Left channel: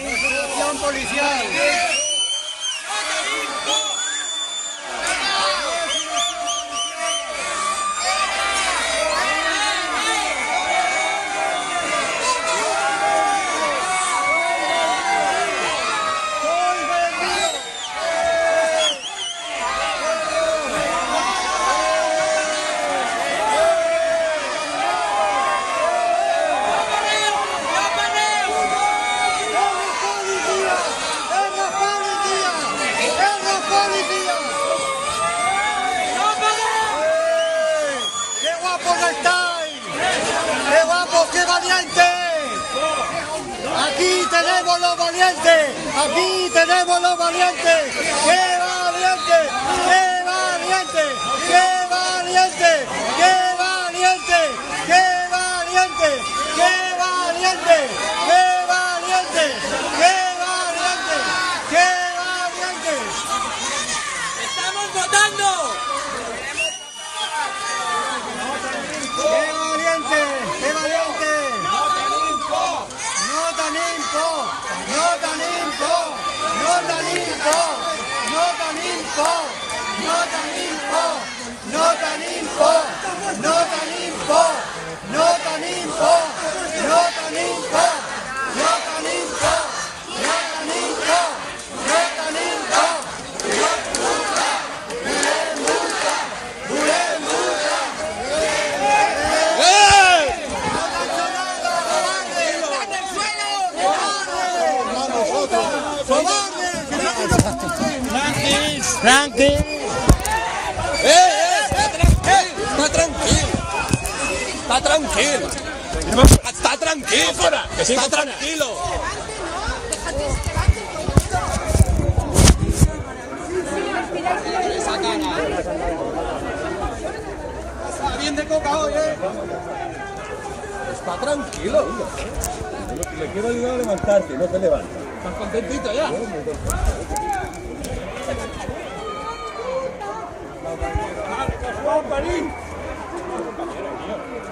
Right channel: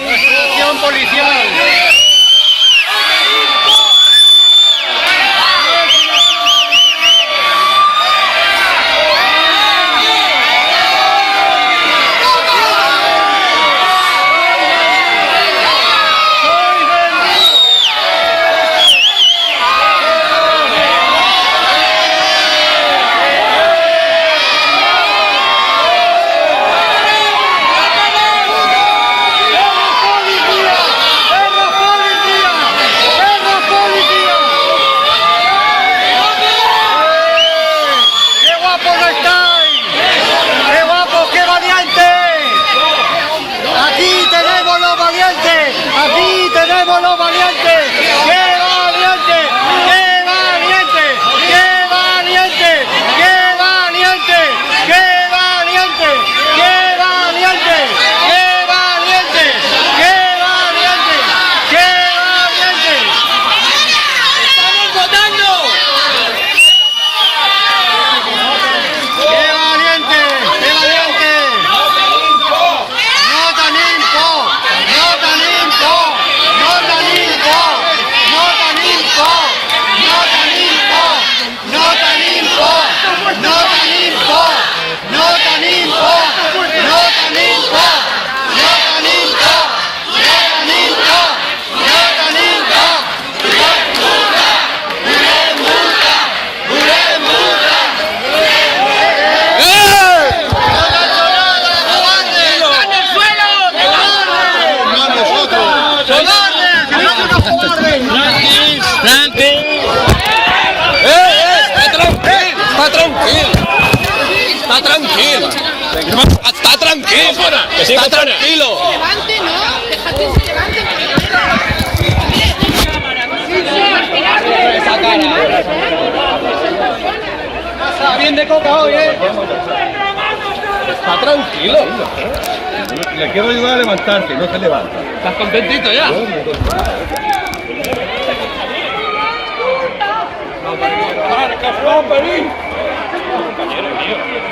Acción policial. Está tranquilo. Levante, ¿no? Déjate que se levante. Esa cara. Está bien de coca hoy, Está tranquilo. Le quiero ayudar a levantarse, no se levanta. ¿Estás contentito ya? Compañero mío.